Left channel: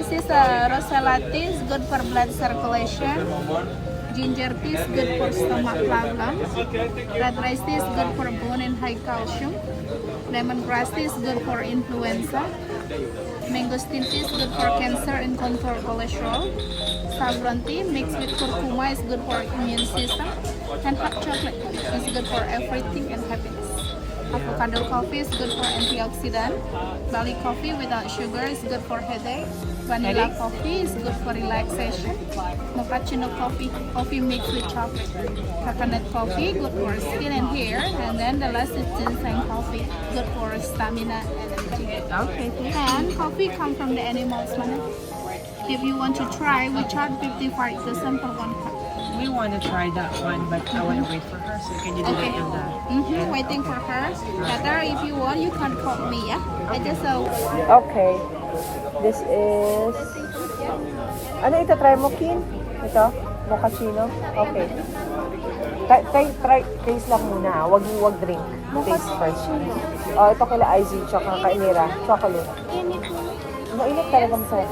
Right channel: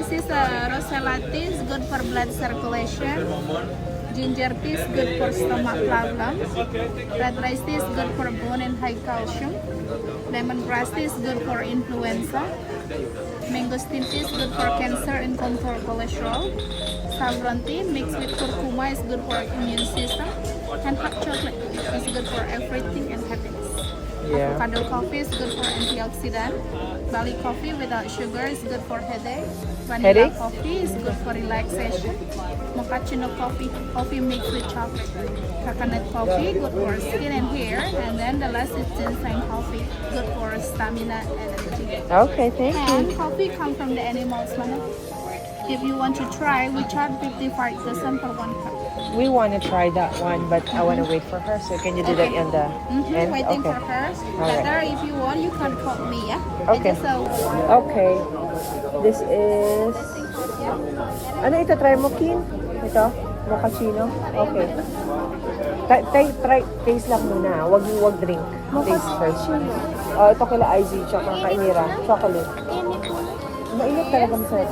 This is Rosella tea, is good for blood circulation. Ginger tea is good for stomach problems. Red rice tea is good for bone and high calcium. Lemongrass tea is good for influenza. Mangosteen tea is good for cancer and control cholesterol. Saffron tea mixed with curcuma is good for immune system. And hot chocolate is good for everything and happiness. Avocado coffee is good for antioxidant. Bali coffee without sugar is good for headache. Vanilla coffee is good for relaxation. Mochaccino coffee mixed with chocolate. Coconut coffee good for skin and hair. And then the last is ginseng coffee, good for stamina and energy. Okay, thank you. And coffee come from the animals, man. If you want to try, we charge 55 the for one cup. We want to try that one, but I want to wait for her. So can you do that in the end? Waiting for her. Better if you want, you can call me, yeah? Okay. I just Okay. This is... Ano ito? Try mo, Kin? Ito? Mochaccino? Okay. Try, taste lang muna. Wag drink. Taste first. Oh, ito kila Izzy, tsaka kay Mira. Chocolate. Mainit talaga masarap.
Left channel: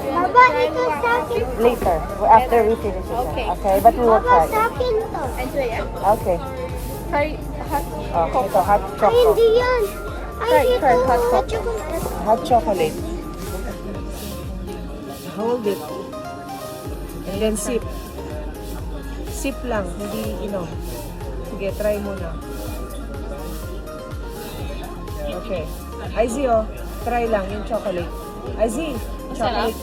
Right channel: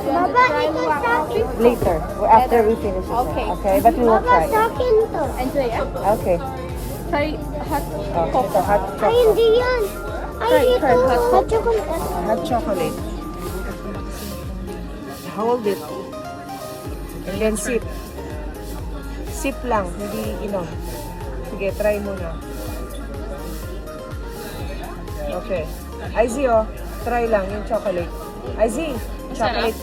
Later, after we finish it. Okay, but we will try. Okay. try hot Ito, hot chocolate. try hot cocoa. Hot chocolate. Hold it. And then sip. Sip lang, hindi inom. Sige, try muna. Okay. Izzy, try lang yung chocolate. Izzy, chocolate.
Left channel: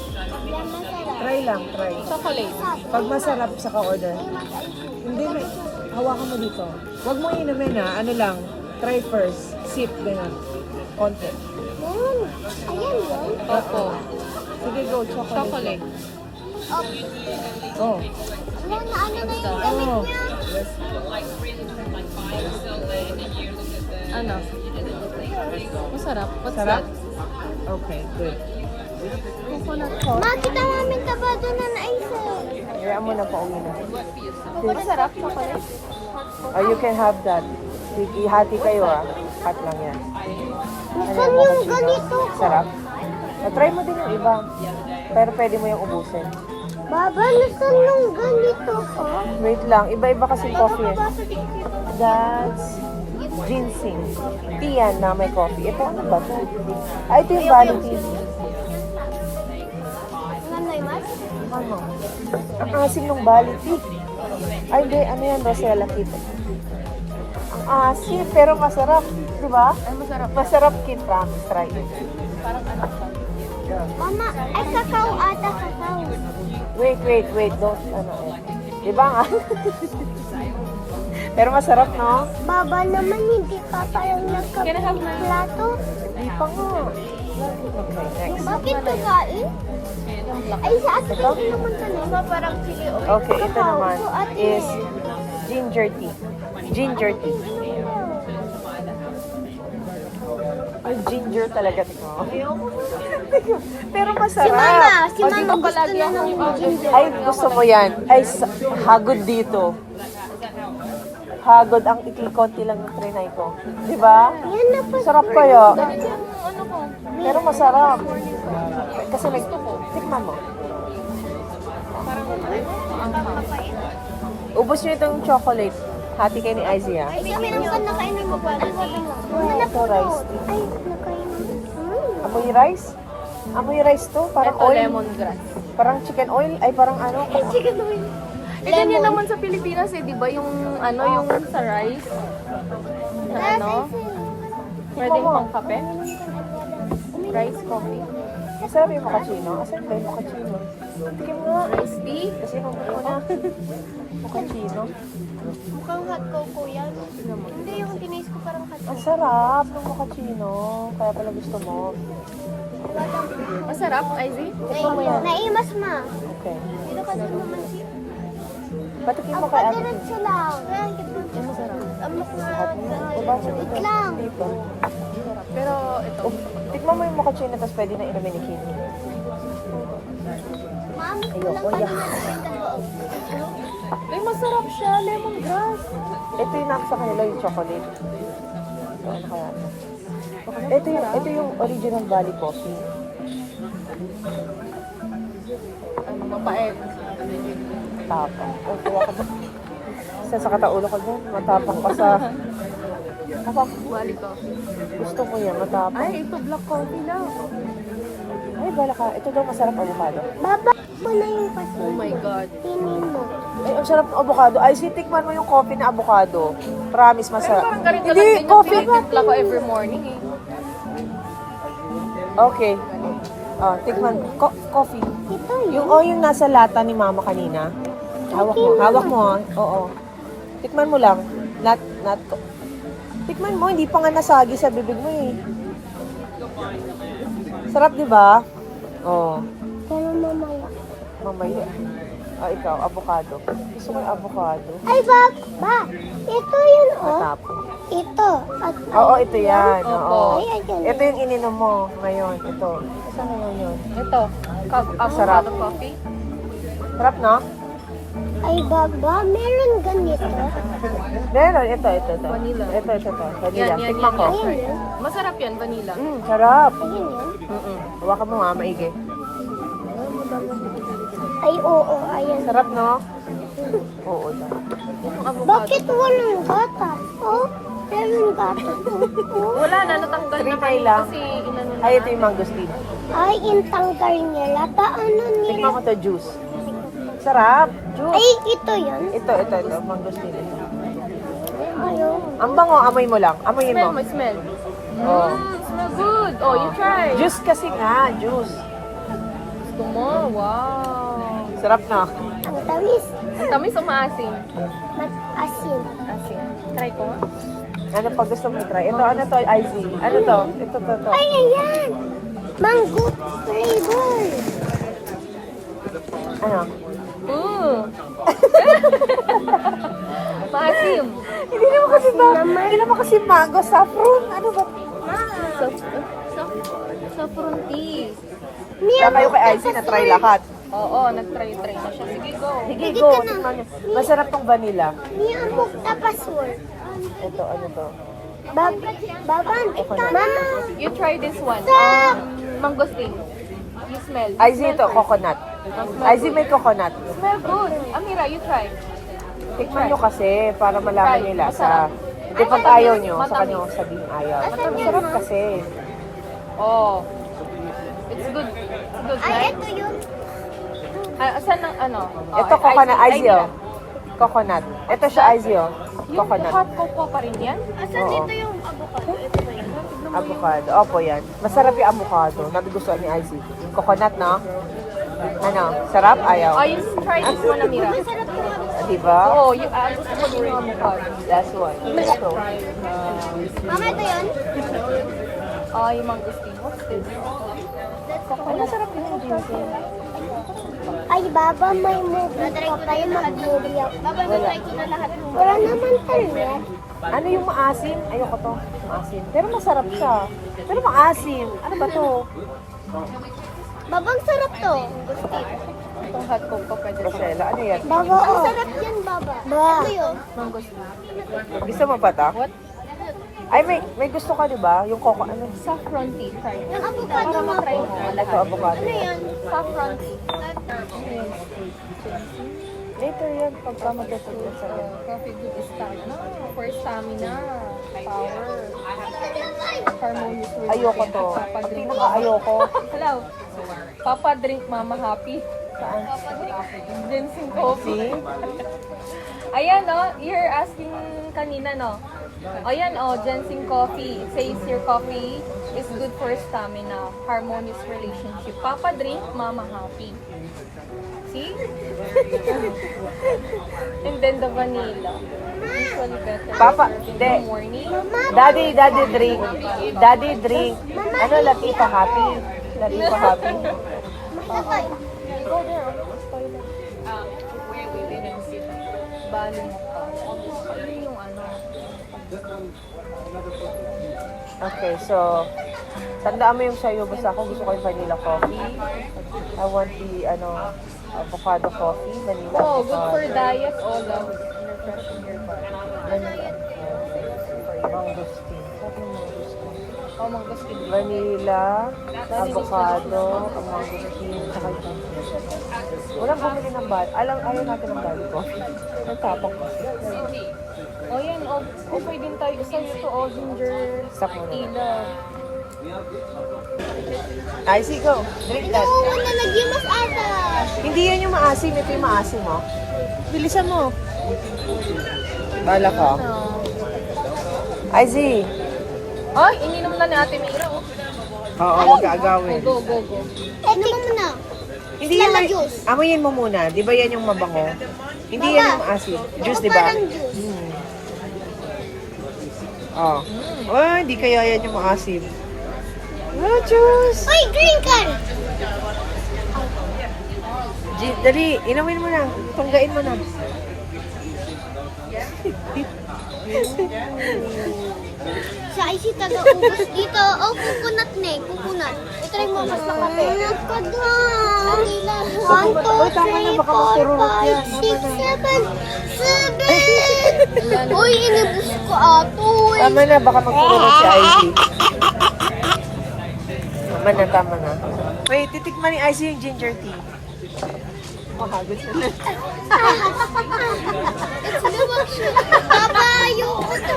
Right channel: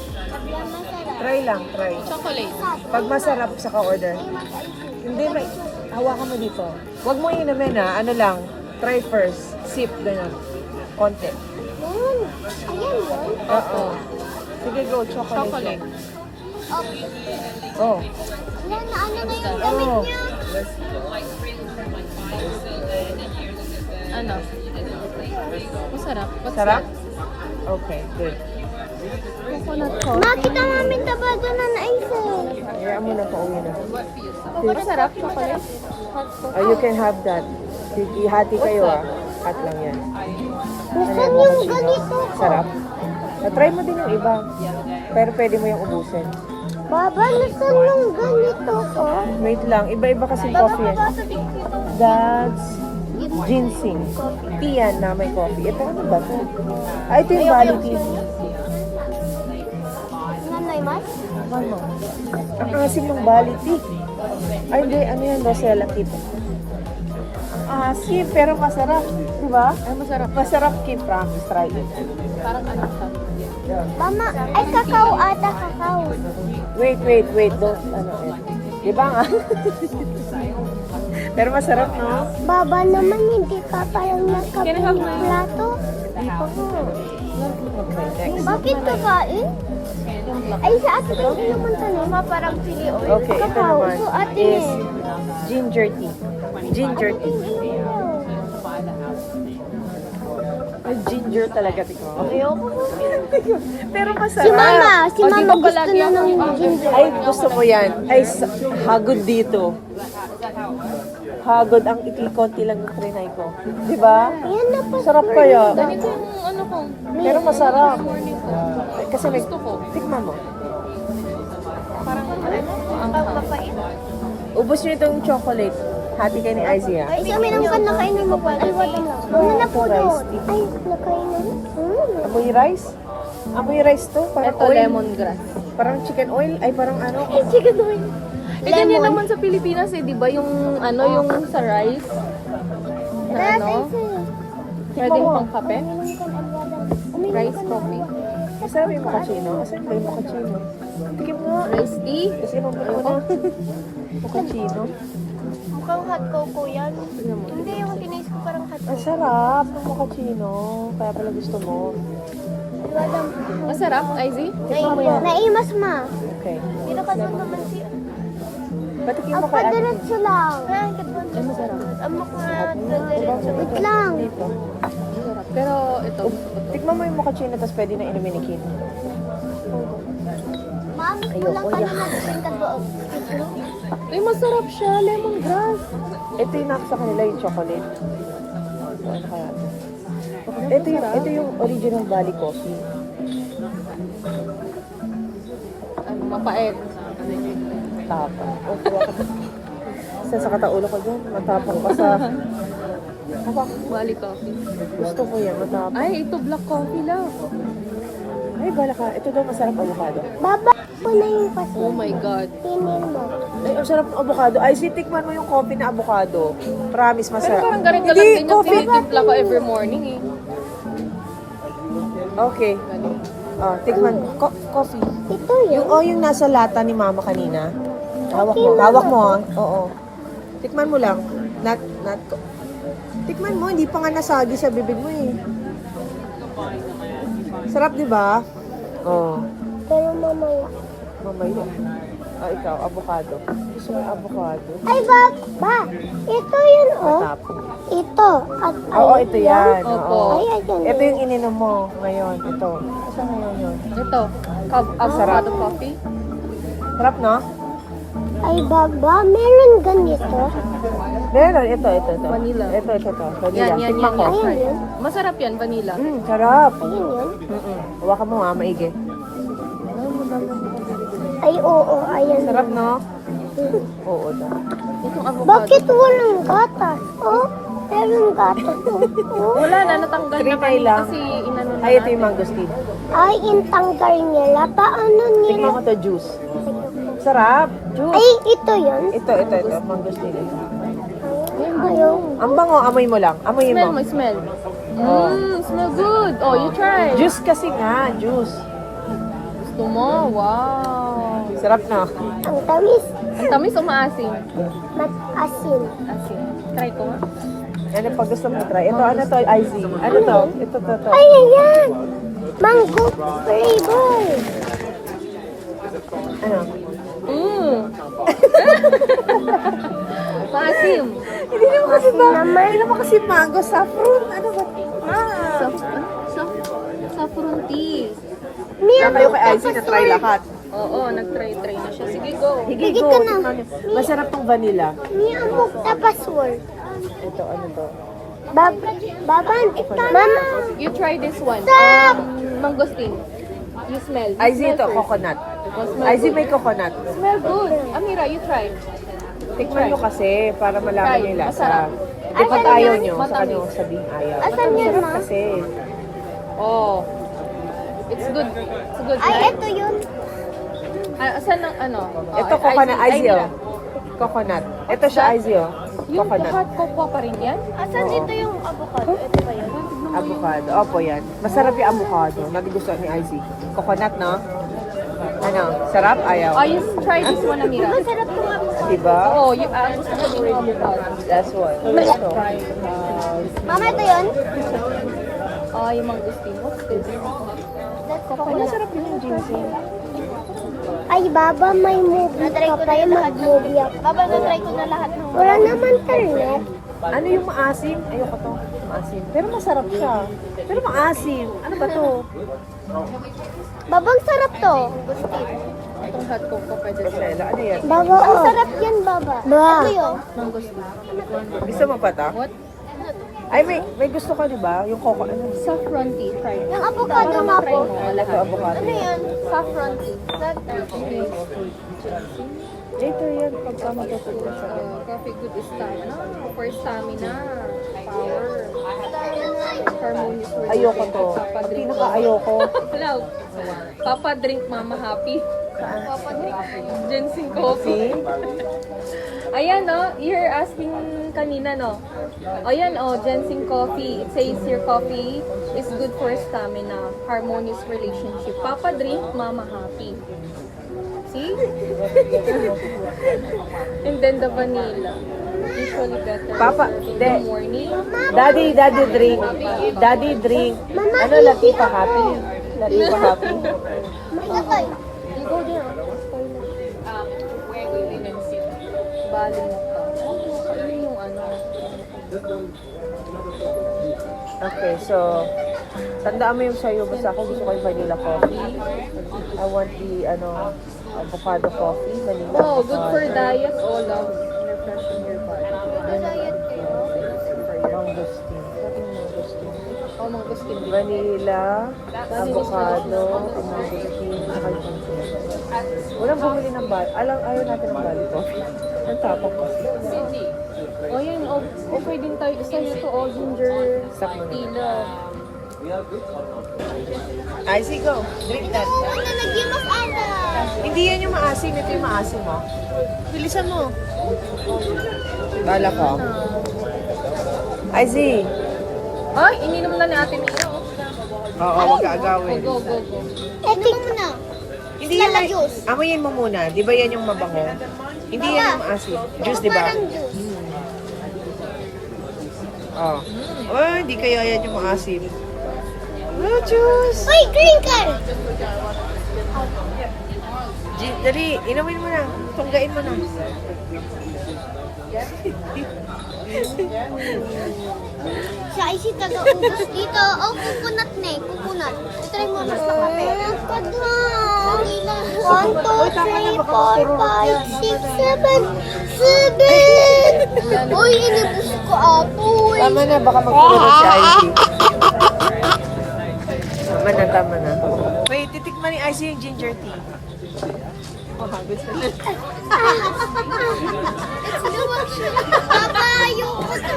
Try lang, try. Chocolate. Pag masarap, saka order. Hindi, hawakan mo dito. Huwag mo inumin ano lang. Try first. Sip, ganyan. Konti. Oo. Sige, go, chocolate. Oh. Ano na yung damit Oh. niya? Ano? Masarap. Sarap? Okay, good. Coconut coffee. Makita namin na ba doon na naisa? Hayaan mo na pauwi na. Masarap chocolate. Oh, you can have that. Ihati kayo Hot lang yan. Ano yan, mochaccino? Sarap? Try mo din yung iba. Pero pwede mo yung ubusin. Baba, gusto yung ganito ko. Wait lang, iba-iba kasing coffee That's ginseng. Tea yan na may coffee. Ito ano ba ito? Ito yung Bali tea. Ano na yung mas? Ano? Ang asim ng Bali tea. Ay hindi, ano yan? Rosella tea. Ang asim, pero masarap. Diba? Ay, masarap. Masarap, kid. Promise, try it. Parang ano siya. Tama, ay kakao ata, kakao. Wait. Don't, Diba nga? Pero masarap, no? Baba naman, hindi ka parang nagkaplato. Di pa nga. Okay, next. Bakit kakain? Yung black. Ay, sa akin ko naman kanina, parang chili oil. Okay, ito naman is ginger tea. Ginger tea. Ay, ginger talaga, tingnan mo. Pero masarap. Si Mama Di ba palagi akong Ay, gusto mo yan. Ay, hagod dito. Hagod ang konti lang ng trinay ko. Di ba? Sarap kaya. ganito yung ano ko. Pero masarap. Morning ko. Kasi may... Gusto ko. Tikman mo. Parang maanghang. Ubus nyo itong chocolate. Hati kayo ni Izzy, ha? Ay, meron ka nakainin mo pa. Ay, wala. Wala na Ito, rice tea. Ay, nakainin. Amoy rice? Amoy rice to? Parang Ito oil. lemongrass. Parang chicken oil? Ay, parang ano? Chicken oil. Eh, ganyan naman sa Pilipinas di ba? Yung ano, yung sa rice. Na ano? Pwedeng pang kape. Rice coffee. Masarap yung mochaccino. Asan ba yung mochaccino? Tikim mo. Rice tea. Kasi nung mo na. Mochaccino. Mukhang hot cocoa yan. Tignan mo. Hindi, yung tinaste ko parang hot. Ang sarap ng mochaccino. Kaya pala gusto mo. Masarap, Izzy? Tikman mo yan. Naimas ma. Okay. Dito ka sa naman siya. Patikim mo kay ate. Diretso lang. Ay, masarap. Lahat mo na. Baba mo ito. lang. Dito. Masarap. Pero ito, gusto ko to. Tikman mo yung mochaccino tapos pwede na inumin ni Kim. Ma'am, Ayoko, walang yak. Ay, masarap siya. Lemongrass. Ito yung nasa kanila yung chocolate. So, ano kaya ito? Ito yung original Bali coffee. Mapait. Tapang. O, kuha ka ba? Isa sa kataulo ko dyan. Matapang ka sa... Tapang. Wali coffee. Gusto ko yan, matapang. Ay, ito black coffee lang. Ay, bala ka. Ito daw masarap avocado. Baba mo na yung kasi. Oh my God. Pinin mo. Ay, ang sarap ng avocado. Ay, tikman mo yung coffee na avocado. Promise, Pero masarap. parang ganito lang Hindi, din yung coffee. tinitimpla ko every morning eh. Okay. Oh, tikman. Coffee. Ito yun. Yung nasa lata ni mama kanina. Hawak mo. Hawak mo, ah. Oo. Tikman mo lang. Tikman mo, hindi pa nga nasagi sa bibig mo eh. Sarap, di ba? Oh. Pero mamaya. Mamaya. Ah, ikaw, avocado. Gusto ko yung avocado. Ay, ba? Ito yun, oh. Matapon. Ito. At Oo, ito yan. Opo. Oo. Ayan, yun. Ito yung ininom mo ngayon. Ito. Saan ngayon yun? Ito. Avocado coffee. Sarap, no? Ay, baba. Meron ganito. Meron. Ito. Vanilla. Ito. Vanilla. Yan. Tikman ko. Masarap yan, vanilla. Sarap. Yun yun. Hawakan mo nga, maigi. Ay, oo. Ayan. Sarap, no? Oo, daw. Itong avocado. Bakit walang gatas? Oh, meron gatas. Oh. Wala na, natanggal na Trinay kanina lang. kasi inano na Ay, ito natin. yung mangosteen. Ay, intanggal nila. Paano nila? Tikman mo to juice. Sarap. Juice. Ay, ito yun. Ito. Mangosteen. Ito. Ayaw. Ang bango, amoy mo lang. Amoyin Smell mo. mo, smell. Oh. Smell good. Oh, you try. Juice kasi nga, juice. Gusto mo? Wow. Sarap na. Ang tamis. Ang tamis o maasim? Mat-asin. Asim. Try ko nga. Ano pa gusto mo try? Ito, ano to, IZ? Ano to? Ito. Ay, ayan. Mango flavor. Ano? Maasim. Hindi naman kasi mango, saffron. Ano ba? Saffron tea. Kaya kayo kay IZ na try lahat. Oo, nag-try na siya. Sige, go. Sige, go. Tikman nyo. Masarap tong vanilla. Niamok tapas mo. Ito, ano to? Baban. Mama. You try this one. Mangosteen. You smell. You IZ smell ito, first. coconut. Smell IZ good. may coconut. Smell good. Amira, you try. Tikman nyo kasi para malaman Try. nila Masarap. sa... Hindi pag ayaw nyo, sa Matamis. kanya sabihin ayaw. Matamis. Masarap kasi. Oh. It's good. It's good, Ay, right? ito yun. Saan ang ano? Oh, Ito, coconut. IZ, Mira. oh. Coconut. Ito siya, IZ, oh. Yung Coconut. hot cocoa pa rin yan? Asan Oo. dito yung avocado? Ito ba yun? Tignan mo yung... Avocado. Opo, yan. Masarap yung avocado. Nagugustuhan ni IZ. Coconut, no? Ano? Sarap? Ayaw? Oh, you try this one, Amira. Masarap yung avocado. Diba? Oo, gusto ko din yung avocado. Last one. Ito. Mama, ito yun? Yung mangosteen. What's this? Coconut. Masarap yung ginseng. Ay, baba, may movie ka pa yung mag-movie. Baba, natry ko na lahat ng wala naman tayo. Ano yung maasim? Ayoko to. Maasim. Pero masarap siya. Pero maasim. Ano ba to? Babang sarap to. Itong hot cocoa pwede sa Rosella. Ano yan? Baba, ang sarap yan, baba. Ito yun. mangosteen. Gusto mo pa to? What? Ay, may gusto ka, di ba? Yung coco, ano? Saffron tea. Try. Yung avocado Para na matry po. mo Ito, lahat. avocado Ano yan. yan? Saffron tea. Later yan, pagka matutulog sa Coffee good is stamina. For stamina. Power. Harmonious relationship. Ayoko to. Papa Ang drink pinaka ayoko. Hello. Papa drink mama happy. Saan? Ginseng coffee. Ayan, no? You're asking kanina, no? O yan, ginseng coffee. It says your coffee is good for stamina, harmonious relationship. Papa drink, mama happy. See? And then the vanilla. Usually better Papa, in de. the morning. Daddy drink. Daddy drink. Ano, Latifa happy? Latifa happy? Masakay. You go there, toilet. Bali mo ka. Yun yung ano. Okay, so, tandaan mo yung sa'yo. Basta ako, hindi ko kayo vanilla coffee. I want the, avocado coffee. Vanilla Oh, good for avocado. diet. Oh, love. Refreshing your body. Mangosteen. Sabi yung mangosteen. Oh, mangosteen. Vanilla, avocado, mangosteen, saka yung walang bumili ng bal. Ayaw natin ng bal ko. Ang tapang kasi. Oh, yan. Oh, okay din tayo sa'yo to. Oh, ginger Sakto na. tila. Ay, sige, go. Drink that. Oo, nalagyan mas ata. Hindi yan yung maasim. Ito yung maasim, mo. Bilisan mo. Bala ka. Azi. Ay, ininom na ni Ate Mira. Oh. Oo, magagawin. Go, go, go. Inom mo na. Hindi Lala yan. juice. Amoyin mo muna. Di ba yan yung mabango? Hindi Baba. yan yung asin. Juice, di ba? Parang juice. Oh. Oh, hindi kaya yan yung maasim. Oh, juice. Uy, green can! Dali, inumin mo lang. Tunggain mo lang. Siya ay si taga ubos dito. Oh, coconut na eh. Coconut. Ito rin mo mas na kape. Nakadhan. 1, 2, 3, 4, 5, 6, 7, 7. Uy, inibus ko atoy. Tama na, baka magpulot si Ivy. Tama na. Wait, titikman ni Ivy yung ginger tea. Mahagos na. Papa, ayoko to.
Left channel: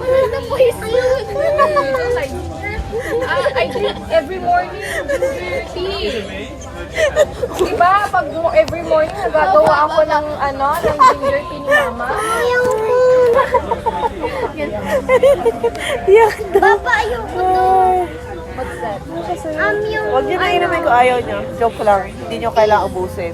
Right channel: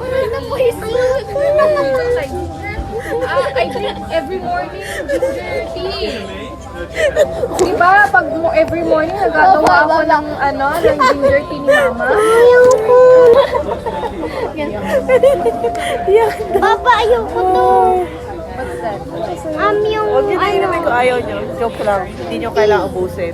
Wala na po ayoko na. I drink every morning ginger tea. Diba, pag every morning nagagawa ako ng ginger tea ni Mama. Papa, ayoko to. Huwag Yung niyo na inumin ko ayaw niyo. Joke lang. Hindi niyo kailangan ubusin.